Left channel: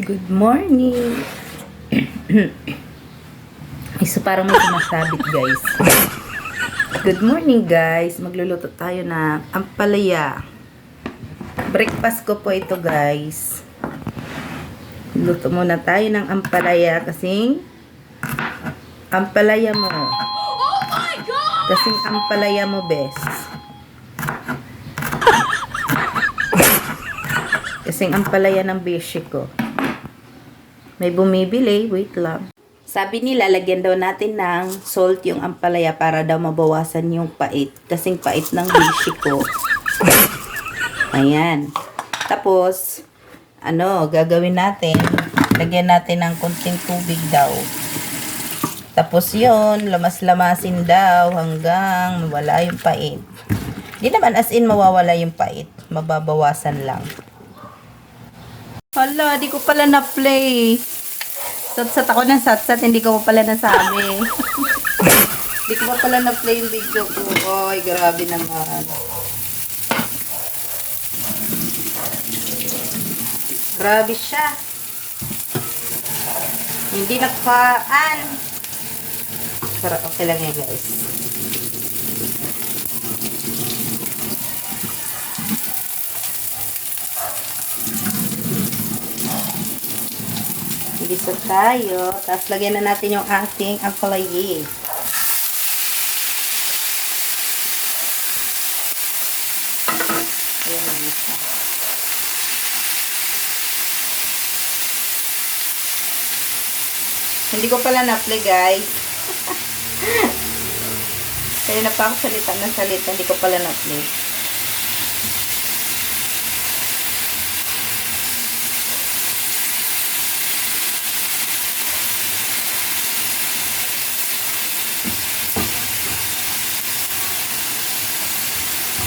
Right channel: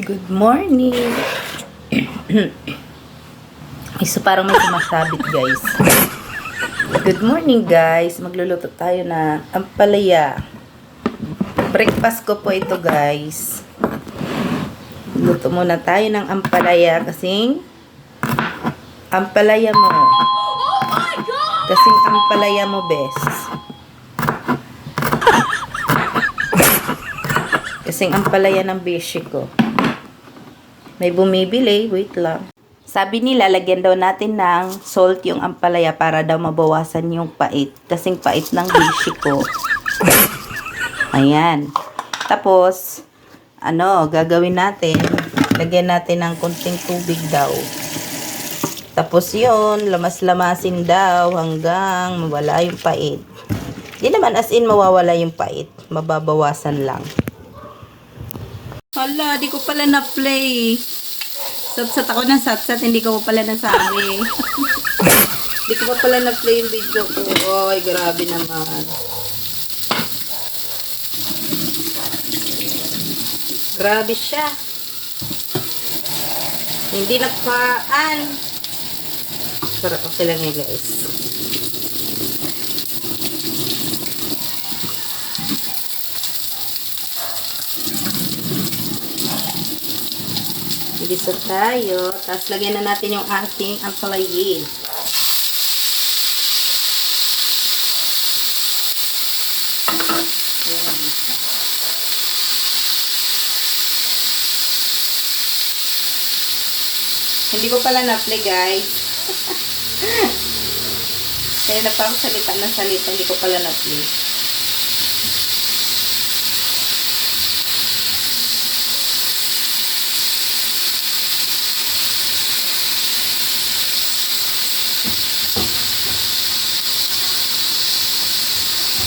Good morning. Isa parang may sumasabit guys. Good morning guys. Magluluto tayo na ampalaya. Breakfast ko po ito guys. Luto muna tayo ng ampalaya kasing ampalaya mo. Kasing ampalaya mo best. Kasing ampalaya ng beshi ko. May bumibili, wait lang. Sabi nila, lagyan daw natin ng salt yung ampalaya para daw mabawasan yung pait. Kasing pait ng beshi ko. Ayan. Tapos, ano, gagawin natin, lagyan natin ng konting tubig daw. Tapos yon lamas-lamasin daw hanggang mawala yung pait. Di naman as in mawawala yung pait. Mababawasan lang. Hala, di ko pala na-play. Satsat ako ng satsat, hindi ko pa pala nasabi. di ko pa pala na-play yung video ko. Ay, grabe naman. Grabe siya. Hindi napaan. Pero okay lang yan, guys. Gisa tayo. Tapos lagyan na natin yung ating siya. Hindi ko pala na-play guys. Kaya na pa ako salita ng salita, hindi ko pala na-play.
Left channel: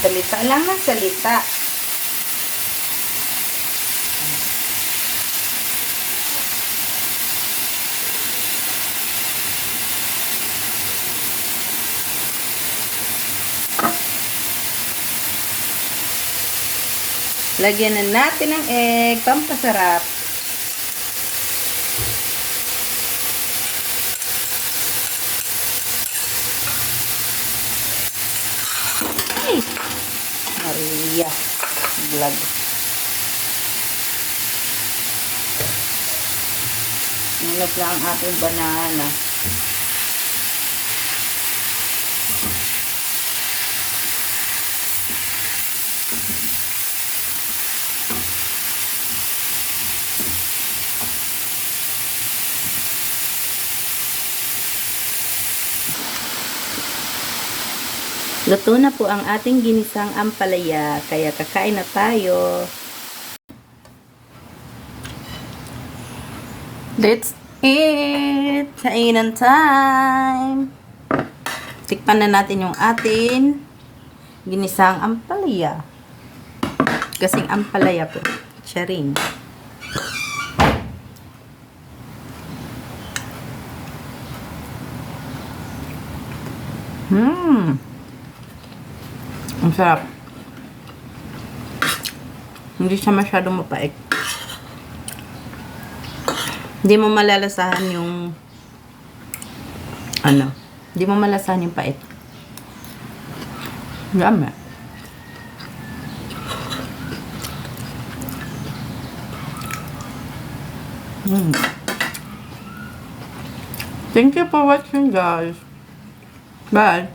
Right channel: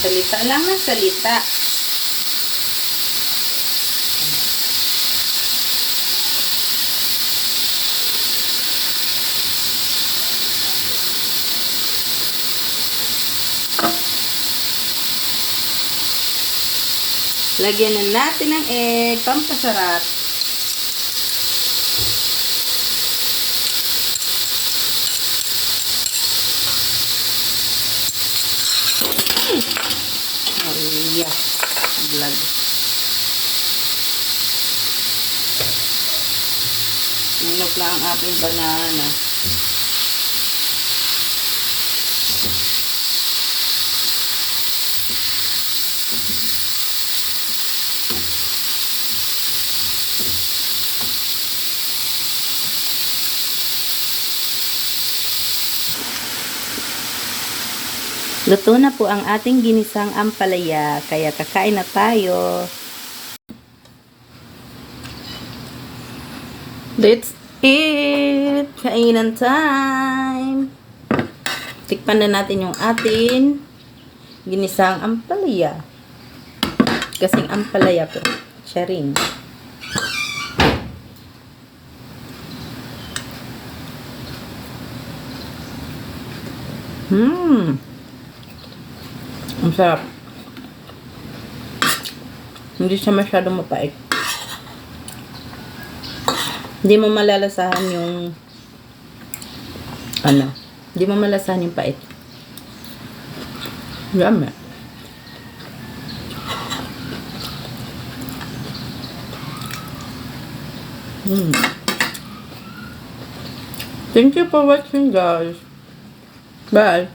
Salita lang ng salita. Lagyan na natin ng egg, pampasarap. Vlog. Nilog lang ang aking banana. Luto na po ang ating ginisang ampalaya, kaya kakain na tayo. That's it! Kainan time! Tikpan na natin yung ating ginisang ampalaya. Kasing ampalaya po. Siya rin. Hmm. Ang sarap. Hindi siya masyadong mapait. Hindi mo malalasahan yung ano, hindi mo malalasahan yung pait. Yummy. Mm. Thank you for watching guys. Bye.